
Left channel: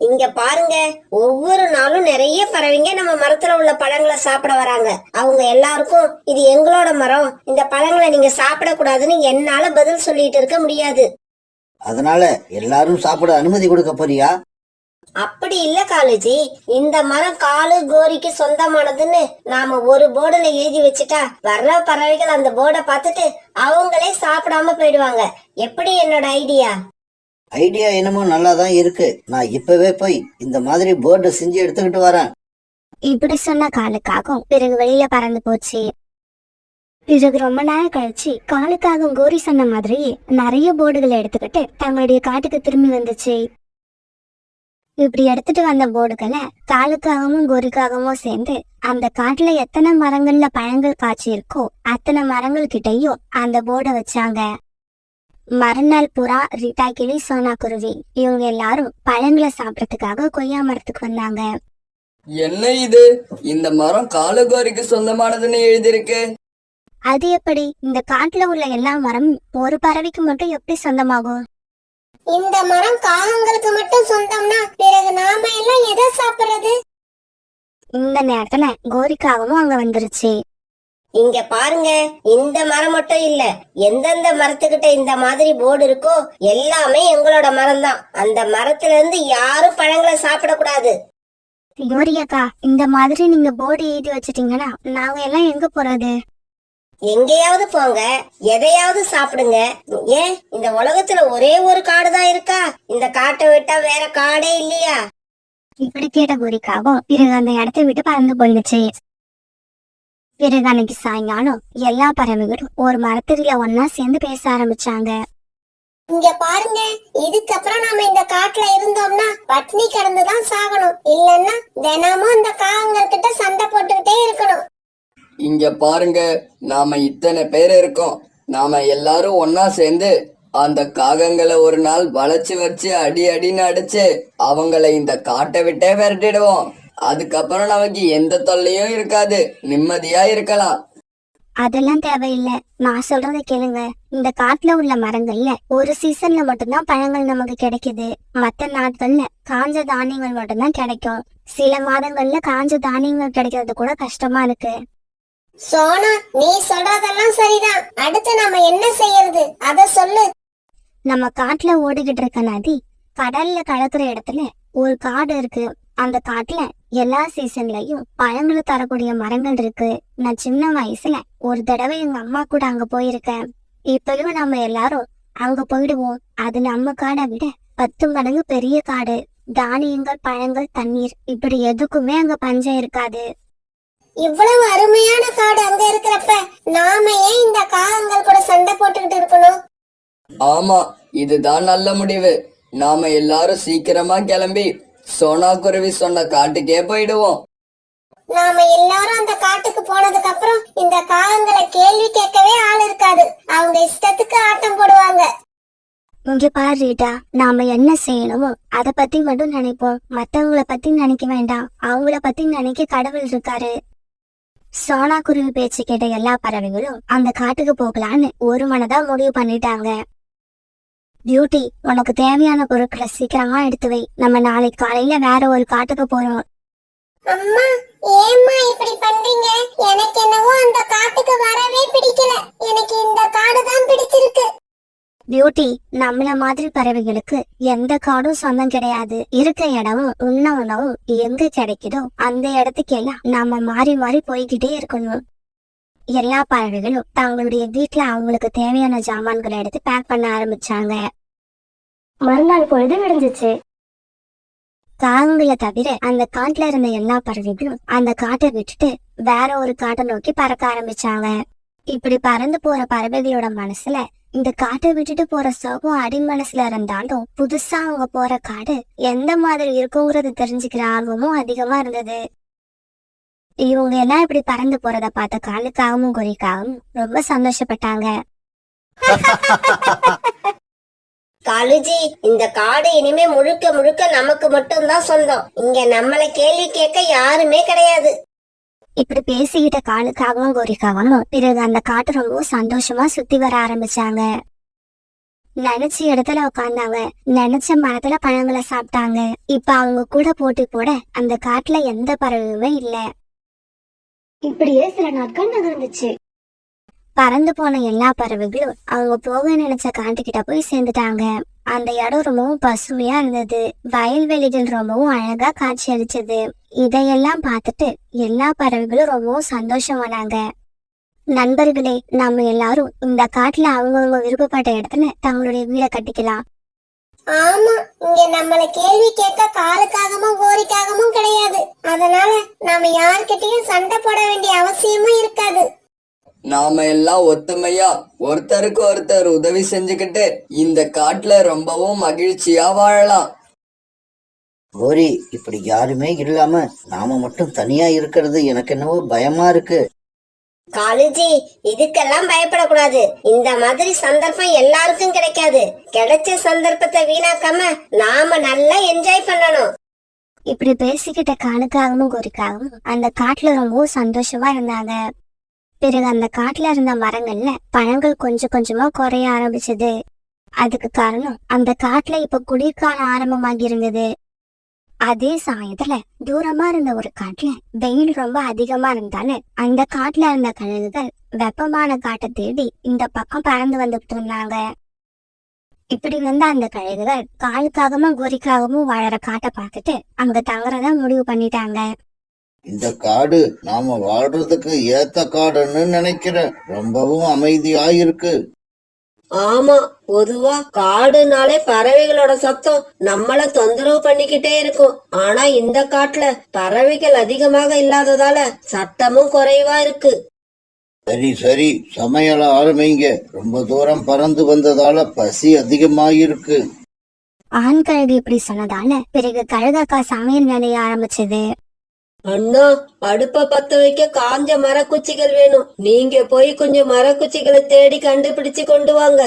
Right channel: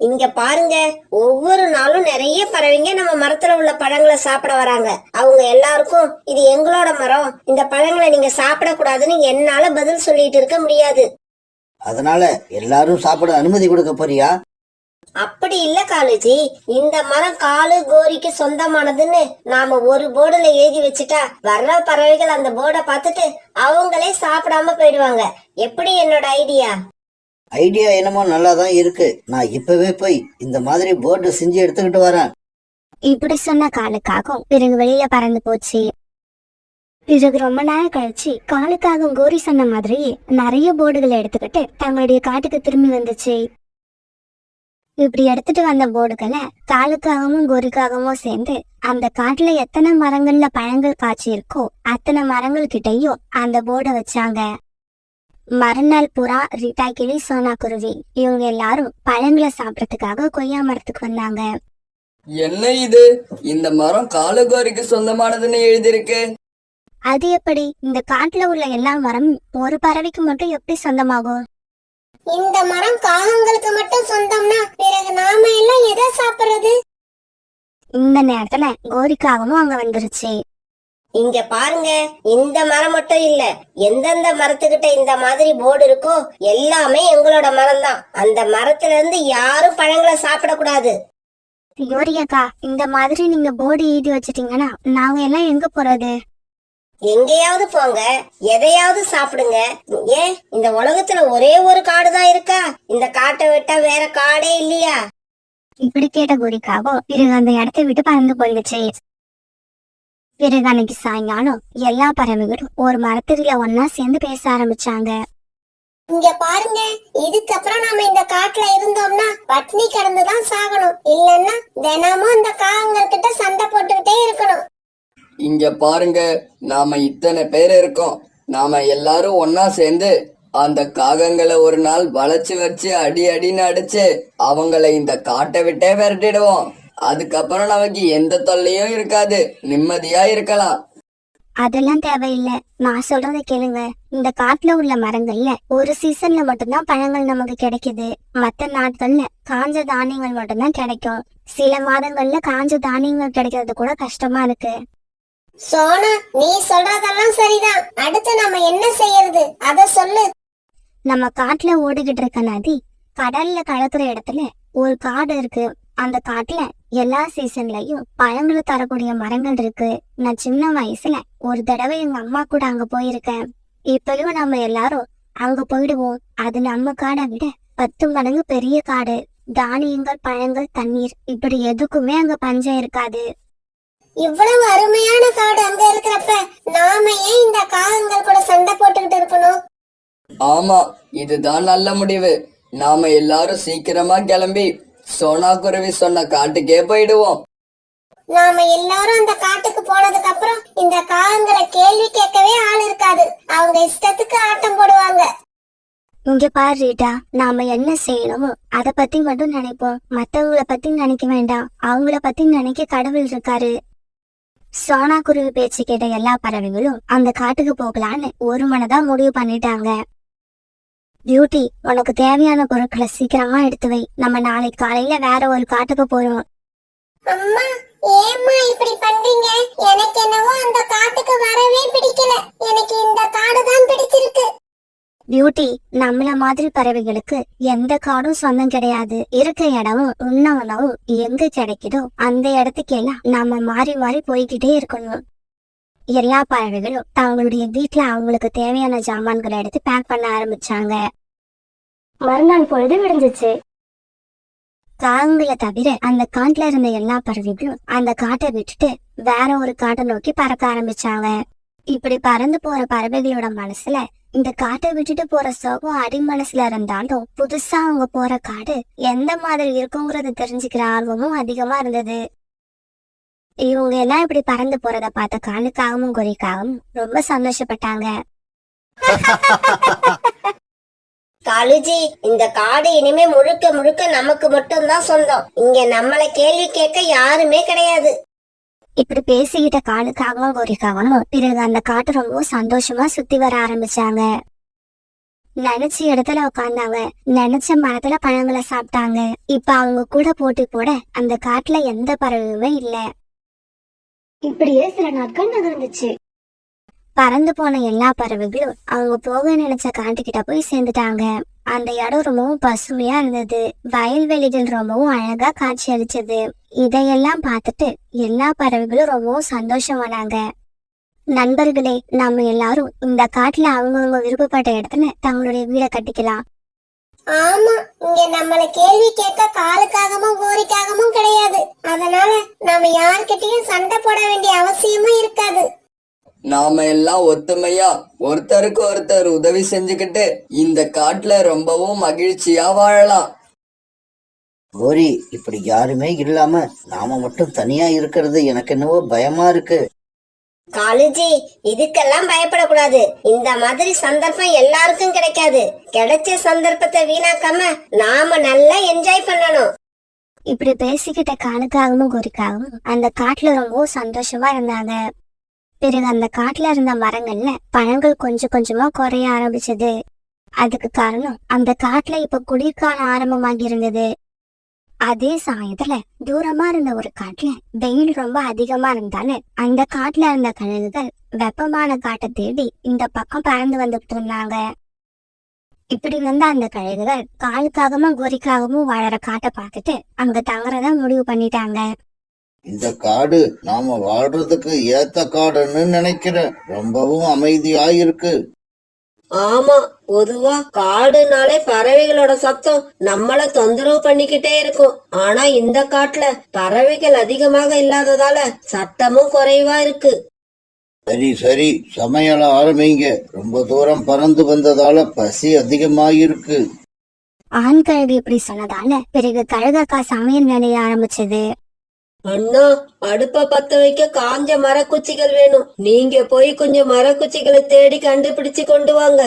இங்க பாருங்க, ஒவ்வொரு நாளும் நிறைய பறவைங்க நம்ம மரத்துல உள்ள பழங்களை சாப்பிட வராங்க. அவங்க எல்லாருக்கும் இது எங்களோட மரம், இந்த பழங்களை நீங்க சாப்பிட கூடாதுன்னு என்னால பதில் சொல்லிட்டு இருக்க முடியாது. அதனால எல்லாரும் சாப்பிட அனுமதி கொடுக்க போறியா? அப்படி இல்ல காலேஜி, இந்த மரம் காலு கோரிக்கு சொந்தமானதுன்னு நாம ஒரு போர்டுல எழுதி வச்சுட்டா வர்ற பறவைகள் அந்த போர்டை பார்த்துட்டு அவங்களே சாப்பிடாம போயிடுவாங்க. எப்படி என்னோட ஐடியா? ஐடியா என்னமோ நல்லாதான் இருக்கு. நான் இப்பவே போய் இந்த மாதிரி போர்டு செஞ்சு எடுத்துக்கிட்டு வரேன். இப்படி சொன்ன காலுக்காகவும் பிறகு வெளியில பறந்து போச்சு. பிறகு ரொம்ப நேரம் கழிச்சு காலுக்காகவும் கோரி சொன்ன மாதிரி நிறைய போர்டுகளை எடுத்துக்கிட்டு தங்களுடைய காட்டுக்கு திரும்பி வந்துச்சு. இப்படி எடுத்துட்டு வந்த போர்டுகளை காலுக்காகவும் கோரிக்காகவும் சேர்ந்து அந்த காட்டுல எத்தனை மரங்கள்ல பழங்கள் காய்ச்சி இருக்கோ அத்தனை மரங்கள் கிட்டையும் அந்த போர்டை வச்சாங்க. மறுநாள் புறா, ரீட்டா கிளி, சோனா குருவி இவங்க எல்லாரும் பழங்களை சாப்பிடறதுக்காக கொய்யா மரத்துக்கு வந்தாங்க. என்ன இது? இந்த மரம் காலுகோரிக்கு சொந்தமானதுன்னு எழுதியிருக்கு. அது எப்படி? இந்த காட்டுல உள்ள எல்லா மரமும் ஒரு பறவைக்கு மட்டும் எப்படி சொந்தமாகும்? இந்த மரம் காகங்களுக்கு மட்டும் சொந்தம்னா பிறகு நாம எல்லாம் எதை சாப்பிடுறது? இந்த நேரத்துல கோரிக்காகவும் அங்க வந்துருச்சு. இங்க பாருங்க, இந்த மரம் மட்டும் இல்ல, எந்தெந்த மரத்துக்கிட்ட இந்த மாதிரி போர்டு இருக்கோ எல்லாமே எங்களோட மரம் தான். அந்த மரத்துல இருந்து யாரும் பழங்களை சாப்பிடக்கூடாது. கோரியக்கா, இந்த மாதிரி நீங்க போர்டு எழுதி வச்சிட்டீங்கன்னா நாங்க எல்லாம் எங்க போறது? எங்கேயாவது போங்க, எதையாவது சாப்பிடுங்க. ஏன் இந்த உலகத்துல ஒரே ஒரு காடு தான் இருக்கா? இந்த காட்டை விட்டா வேற காடே இல்லையா? இப்படி கேட்ட கோரிக்காவும் பிறகு அந்த இடத்தை விட்டு பறந்து போயிடுச்சு. பிறகு அன்னைக்கு சாயங்காலம் எல்லா பறவைகளும் ஒரு மரத்தடியில ஒன்னா சேர்ந்து பேச ஆரம்பிச்சாங்க. இங்க பாருங்க, இதுக்கப்புறம் நாம இந்த காட்டுல இருந்தோம்னா பட்னி கிடந்துதான் சாகணும், இல்லன்னா தினமும் இந்த காகங்கள்கிட்ட சண்டை போட்டுக்கிட்டே இருக்கணும். இங்க பாருங்க, நாம இத்தனை பேர் இருக்கோம். நாம எல்லாரும் ஒன்னா சேர்ந்து அந்த காகங்களை ஒரு நாள் வளைச்சு வச்சு அடி அடின்னு அடிச்சு அவங்கள இந்த காட்டை விட்டே விரட்டிடுவோம். அதுக்கப்புறம் நமக்கு எந்த தொல்லையும் இருக்காது, நிம்மதியா இருக்கலாம். அதெல்லாம் தேவையில்லை, நான் சொல்றதை கேளுங்க. இந்த காட்டுல உள்ள மரங்கள்ல ஒரு சீசன்ல மட்டும்தான் பழங்கள் நமக்கு கிடைக்குது. மத்த நாட்கள்ல காஞ்ச தானியங்கள் மட்டும்தான் கிடைக்கும். சில மாதங்கள்ல காஞ்ச தானியங்கள் கிடைக்கிறது கூட கஷ்டமா இருக்கு. சோனா, நீ சொல்றதெல்லாம் சரிதான். அடுத்து நாம என்ன செய்யறது அத சொல்லு. நம்ம காட்டுல ஓடிக்கிட்டு இருக்க நதி கடல்ல கலக்குற இடத்துல ஒரு காடு இருக்கு. அந்த காட்டுல எல்லா சீசன்லயும் பழங்களை தரக்கூடிய மரங்கள் இருக்கு. நான் சின்ன வயசுல ஒரு தடவை எங்க அம்மா கூட அங்க போயிருக்கேன். இப்பயும் நம்ம எல்லாரும் அங்க போயிடுவோம். அது நம்ம காடை விட 10 மடங்கு பெரிய காடு. தானியங்கள், பழங்கள், தண்ணீர் இப்படி எதுக்குமே அங்க பஞ்சம் இருக்காது. இவ்வளவு அருமையான காடு அங்க இருக்கிறப்ப நாம ஏன் இந்த காகங்கள் கூட சண்டை போட்டுக்கிட்டு இருக்கணும்? ஆமா, இதுதான் நல்ல முடிவு. நாம எல்லாரும் சீக்கிரமா கிளம்பி சோனா குருவி சொன்ன காட்டுக்கே போயிடுவோம். நாம எல்லாரும் அந்த காட்டுக்கு போனதுக்கு அப்புறம் இந்த காகங்களை கேள்வி கேட்கவே ஆள் இருக்காது. அவங்க இஷ்டத்துக்கு ஆட்டம் போடுவாங்க. இங்க பாரு ரீட்டா, நாம என்ன செய்யணுமோ அத பத்தி மட்டும் நினைப்போம். மத்தவங்கள பத்தி நினைக்க வேண்டாம். அவங்கள பத்தி நினைக்க கடவுள் இருக்காரு. சோனா குருவி பேச்சு கேட்ட எல்லா பறவைகளும் அந்த காட்டுக்கு போகலான்னு ஒரு மனதா முடிவு பண்ணிட்டாங்க. பியூட்டி, உனக்கு தேவையான பொருட்களை சீக்கிரமா எடுத்து வை. நம்ம நாளைக்கு காலையில வேற ஒரு காட்டுக்கு போறோம். அம்மா, ஏம்மா இப்படி பண்றீங்க? எனக்கு என்னவோ அந்த காட்டுக்கு வரவே பிடிக்கல. எனக்கு இந்த காடு தான் பிடிச்சிருக்கு. பியூட்டி, நம்மள மாதிரி பறவைகளுக்கு எந்த காடும் சொந்தம் கிடையாது. இருக்க இடமும் உண்ண உணவும் எங்க கிடைக்குதோ அந்த இடத்துக்கெல்லாம் நாம மாறி மாறி போய்கிட்டே இருக்கணும். எல்லா பறவைகளும் தங்களுடைய வீட்டுல அவங்களுக்கு தேவையான ஜாமான்களை எடுத்து பேக் பண்ண ஆரம்பிச்சாங்க. மறுநாள் பொழுது விடிஞ்சிச்சு. காகங்களை தவிர அந்த காட்டுல இருந்த எல்லா பறவைகளும் அந்த காட்டை விட்டுட்டு வேற ஒரு காட்டை நோக்கி பறக்க ஆரம்பிச்சாங்க. இப்படி பறந்து போற பறவைகளோட மனசுல இந்த காட்டை விட்டுட்டு போற சோகம் அடி மனசுல இருந்தாலும் புதுசா அவங்க போற காடு எந்த மாதிரி இருக்குங்கிறது தெரிஞ்சுக்கிற ஆர்வமும் அதிகமா இருந்தது. இவங்க எல்லாம் இப்படி பறந்து போறத பார்த்த காலுக்காகவும் குறிக்காகவும் ரொம்ப சந்தோஷப்பட்டாங்க. காலுஜி, இந்த காடு இனிமே முழுக்க முழுக்க நமக்கு மட்டும்தான் சொந்தம். இங்க நம்மள கேள்வி கேட்க யாருமே கிடையாது. இப்படி பேசிக்கிட்ட காலுக்காகவும் கோரிக்காகவும் பிறகு அந்த காட்டை ரொம்ப சந்தோஷமா சுத்தி வர ஆரம்பிச்சாங்க. நினைச்ச இடத்துல உட்கார்ந்தாங்க. நினைச்ச மரத்துல பழங்களை சாப்பிட்டாங்க. இப்ப அவங்க கூட போட்டி போட அந்த காட்டுல எந்த பறவையுமே இல்ல. இப்படியே சில நாட்கள் நகர்ந்துச்சு. பறந்து போன எல்லா பறவைகளும் அவங்க போக நினைச்ச காட்டுக்கிட்ட போய் சேர்ந்துட்டாங்க. அந்த இடம் ரொம்பவும் பசுமையா இருந்தது. வயல்வெளிகள் ரொம்பவும் அழகா காட்சி அளிச்சது. இதையெல்லாம் பார்த்துட்டு எல்லா பறவைகளும் ரொம்பவும் சந்தோஷமானாங்க. நண்பர்களே, நம்ம எல்லாரும் இந்த காட்டுல அவங்கவுங்க விருப்பப்பட்ட இடத்துல தங்களுடைய வீடை கட்டிக்கலாம். ஆமா, இங்க நம்மள கேள்வி கேட்க காலுக்காகவும் கோரிக்காகவும் கிடையாது. அதனால நாம யார்கிட்டயும் சண்டை போட வேண்டிய அவசியமும் இருக்காது. நாம எல்லாம் ஒத்துமையா ஒருத்தருக்கு ஒருத்தர் உதவி செஞ்சுக்கிட்டு இந்த காட்டுல ரொம்பவும் மகிழ்ச்சியா வாழலாம். கோரி, இப்படி யாருமே இல்லாம நாம மட்டும் தனியா இருக்கிறது எனக்கு என்னவோ பயமா இருக்கு. காலுஜி, இதுக்கெல்லாம் பயப்படக்கூடாது. இந்த மாதிரி சந்தர்ப்பம் எல்லாருக்கும் கிடைக்காது. கிடைச்ச சந்தர்ப்பத்தை வீணாக்காம நாம நல்லா என்ஜாய் பண்ணணும். இப்படி பேசிக்கிட்ட காலுக்காகவும் கோரிக்காகவும் அந்த காட்டுல ரொம்பவும் சந்தோஷமா இருந்தாங்க. பிறகு அந்த காட்டுல இருந்த மரங்கள்ல பழங்கள் கொஞ்சம் கொஞ்சமா குறைய ஆரம்பிச்சது. அதுக்கு காரணம் அந்த காட்டுல இப்ப குளிர்காலம் ஆரம்பமாகி இருந்தது. அதே சமயத்துல தூரமா இருந்த ஒரு காட்டுல வெயில் ரொம்ப அதிகமா இருந்தாலும் அந்த காட்டுல இருந்த கழுகுகள் வெப்பமான காட்டை தேடி இந்த பக்கம் பறந்து வந்துட்டு இருந்தாங்க. இப்படி வந்த அந்த கழுகுகள் காலுக்காகவும் கோரிக்காகவும் வாழற காட்டை பார்த்துட்டு அங்க தங்குறதா முடிவு பண்ணிட்டாங்க. இந்த காடு நாம வாழ்றதுக்கு ஏத்த காடுன்னு நினைக்கிறேன். ரொம்பவும் அமைதியா இருக்கு. ஆமா, பொதுவா காடுனாலே பறவைகளோட சத்தம் நம்மள தொந்தரவு பண்ணிக்கிட்டே இருக்கும். ஆனா இந்த காட்டுல பறவைகள் அதிகமாக இல்லாததால சத்தமும் குறைவா இருக்கு. சரி சரி, சமையல ஆரம்பிங்க. ரொம்ப தூரம் பறந்து வந்ததால பசி அதிகமாயிருக்கு. ஆண் கழுகு இப்படி சொன்னதால பிறகு கழுகக்கா சமையல் வேலைய ஆரம்பிச்சது. அண்ணா, அடுப்ப பத்த வைக்க காஞ்ச மரக்குச்சிகள் வேணும். நீங்க போய் கொஞ்சம் மரக்குச்சிகளை தேடி கண்டுபிடிச்சு கொண்டு வாங்க.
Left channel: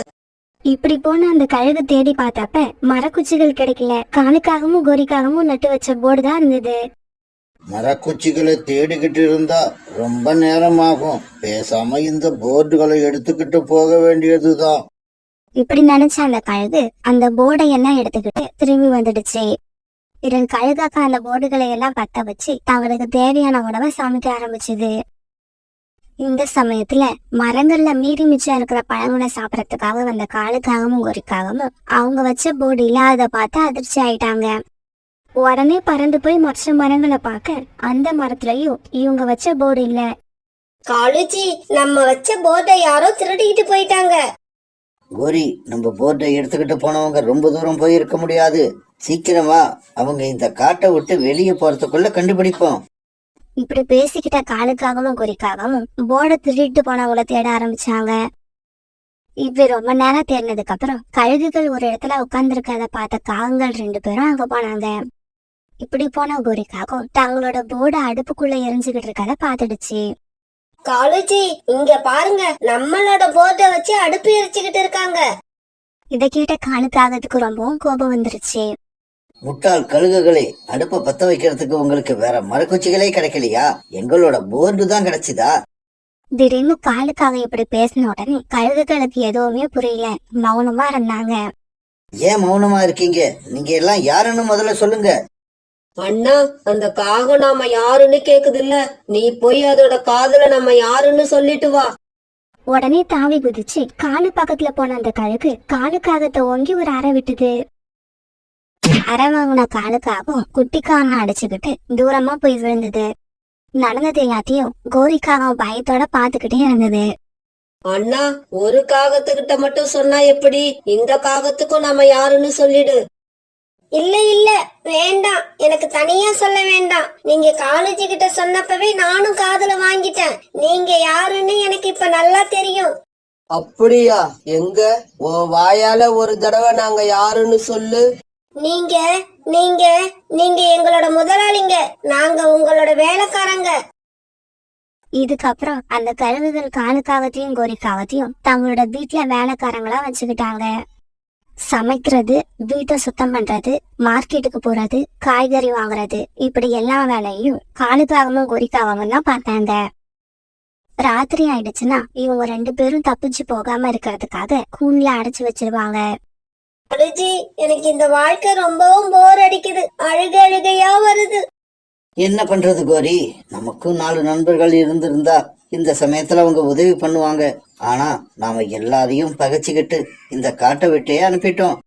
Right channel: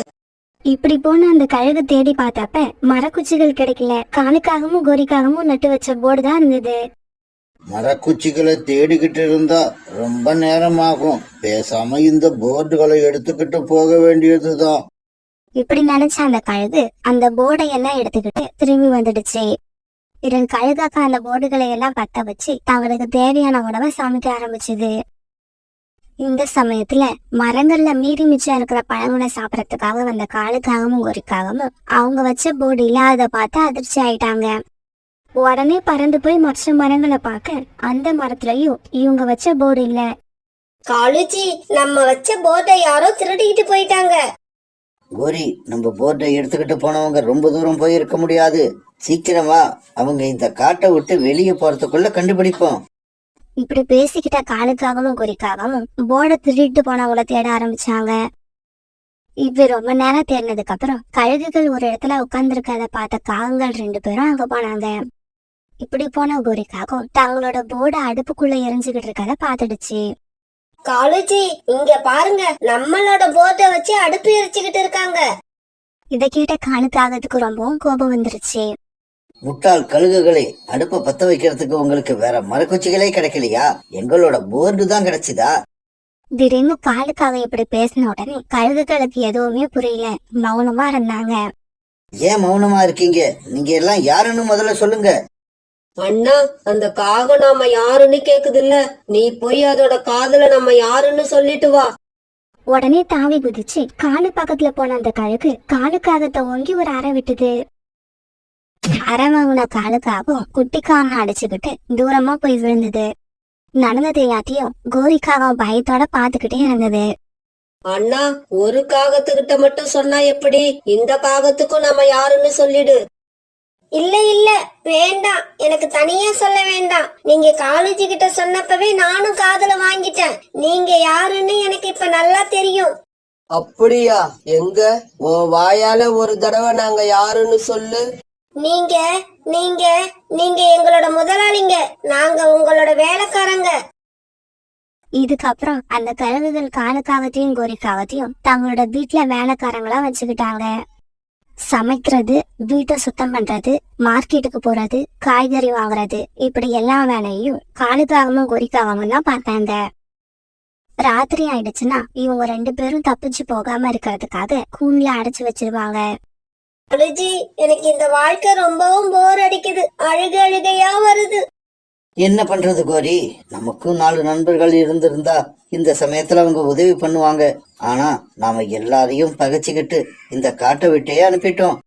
இப்படி போன அந்த கழுகு தேடி பார்த்தப்ப மரக்குச்சிகள் கிடைக்கல. காலுக்காகவும் கோரிக்காகவும் நட்டு வச்ச போர்டு தான் இருந்தது. மரக்குச்சிகளை தேடிக்கிட்டு இருந்தா ரொம்ப நேரம் ஆகும். பேசாம இந்த போர்டுகளை எடுத்துக்கிட்டு போக வேண்டியதுதான். இப்படி நினைச்ச அந்த கழுகு அந்த போர்டை எல்லாம் எடுத்துக்கிட்டு திரும்பி வந்துடுச்சு. பிறகு கழுகாக்கா அந்த போர்டுகளை எல்லாம் பத்த வச்சு தங்களுக்கு தேவையான உணவை சமைக்க ஆரம்பிச்சது. இந்த சமயத்துல மரங்கள்ல மீறி மிச்சம் இருக்கிற பழங்களை சாப்பிடறதுக்காக வந்த காலுக்காகவும் கோரிக்காகவும் அவங்க வச்ச போர்டு இல்லாத பார்த்து அதிர்ச்சி ஆயிட்டாங்க. உடனே பறந்து போய் மற்ற மரங்களை பார்க்க அந்த மரத்துலயும் இவங்க வச்ச போர்டு இல்ல. காலுஜி, நம்ம வச்ச போர்டை யாரோ திருடிக்கிட்டு போயிட்டாங்க. கோரி, நம்ம போர்டை எடுத்துக்கிட்டு போனவங்க ரொம்ப தூரம் போயிருக்க முடியாது. சீக்கிரமா அவங்க இந்த காட்டை விட்டு வெளியே போறதுக்குள்ள கண்டுபிடிப்போம். இப்படி பேசிக்கிட்ட காலுக்காகவும் குறிக்காகவும் போர்டை திருடிட்டு போனவங்கள தேட ஆரம்பிச்சாங்க. இப்படி ரொம்ப நேரம் தேடினதுக்கு அப்புறம் கழுகுகள் ஒரு இடத்துல உட்கார்ந்துருக்கத பார்த்த காகங்கள் 2 பேரும் அங்க போனாங்க. இப்படி போன குறிக்காகவும் தங்களோட போர்டை அடுப்புக்குள்ள எரிஞ்சுக்கிட்டு இருக்கத பாத்துடுச்சு. காலுஜி, இங்க பாருங்க, நம்மளோட போர்டை வச்சு அடுப்பு எரிச்சுக்கிட்டு இருக்காங்க. இதை கேட்ட காலுக்காகத்துக்கு ரொம்பவும் கோபம் வந்துருச்சு. முட்டாள் கழுகுகளே, அடுப்பை பத்த வைக்கிறதுக்கு உங்களுக்கு வேற மரக்குச்சிகளே கிடைக்கலையா? எங்களோட போர்டு தான் கிடைச்சுதா? திடீர்னு காலுக்காக இப்படி பேசின உடனே கழுகுகளுக்கு எதுவுமே புரியல, மௌனமா இருந்தாங்க. ஏன் மௌனமா இருக்கீங்க? நீங்க எல்லாம் யாருன்னு முதல்ல சொல்லுங்க. அண்ணா, அந்த காகம் நாம யாருன்னு கேக்குது இல்ல, நீ போய் அதோட காதுல நம்ம யாருன்னு சொல்லிட்டு வா. உடனே தாவி குதிச்சு காலு பக்கத்துல போன அந்த கழுகு காலுக்காகத்தை ஓங்கி ஒரு அறை விட்டுது. அரை வாங்கின காலுக்காகவும் குட்டிக்காரனை அடிச்சுக்கிட்டு தூரமா போய் விழுந்தது. நடந்தது எல்லாத்தையும் கோரிக்காகவும் பயத்தோட பாத்துக்கிட்டே இருந்தது. அண்ணா, ஒரு காகத்துக்கிட்ட மட்டும் சொன்னா எப்படி? இந்த காகத்துக்கும் நம்ம யாருன்னு சொல்லிடு. இல்ல இல்ல, வேண்டாம், எனக்கு தனியா சொல்ல வேண்டாம். நீங்க காலேஜ் கிட்ட சொன்னப்பவே நானும் காதுல வாங்கிட்டேன். நீங்க யாருன்னு எனக்கு இப்ப நல்லா தெரியும். அப்படியா? எங்க உன் வாயால ஒரு தடவை நாங்க யாருன்னு சொல்லு. நீங்க நீங்க நீங்க எங்களோட முதலாளிங்க, நாங்க உங்களோட வேலைக்காரங்க. இதுக்கப்புறம் அந்த கழுகுகள் காலுக்காகத்தையும் கோரிக்காகத்தையும் தங்களோட வீட்டுல வேலைக்காரங்களா வச்சுக்கிட்டாங்க. சமைக்கிறது, வீட்டை சுத்தம் பண்றது, மார்க்கெட்டுக்கு போறது, காய்கறி வாங்குறது, இப்படி எல்லா வேலையும் காலுக்காகவும் கோரிக்காகவும் தான் பார்த்தாங்க. ராத்திரி ஆயிடுச்சுன்னா இவங்க 2 பேரும் தப்பிச்சு போகாம இருக்கிறதுக்காக கூண்ல அடைச்சு வச்சிருவாங்க. அழுஜி, எனக்கு இந்த வாழ்க்கை ரொம்பவும் போர் அடிக்குது. அழுகையா வருது. என்ன பண்றது கோரி? நமக்கும் 4 நண்பர்கள் இருந்திருந்தா இந்த சமயத்துல அவங்க உதவி பண்ணுவாங்க. ஆனா நாம எல்லாரையும் பகைச்சுக்கிட்டு இந்த காட்டை விட்டே அனுப்பிட்டோம்.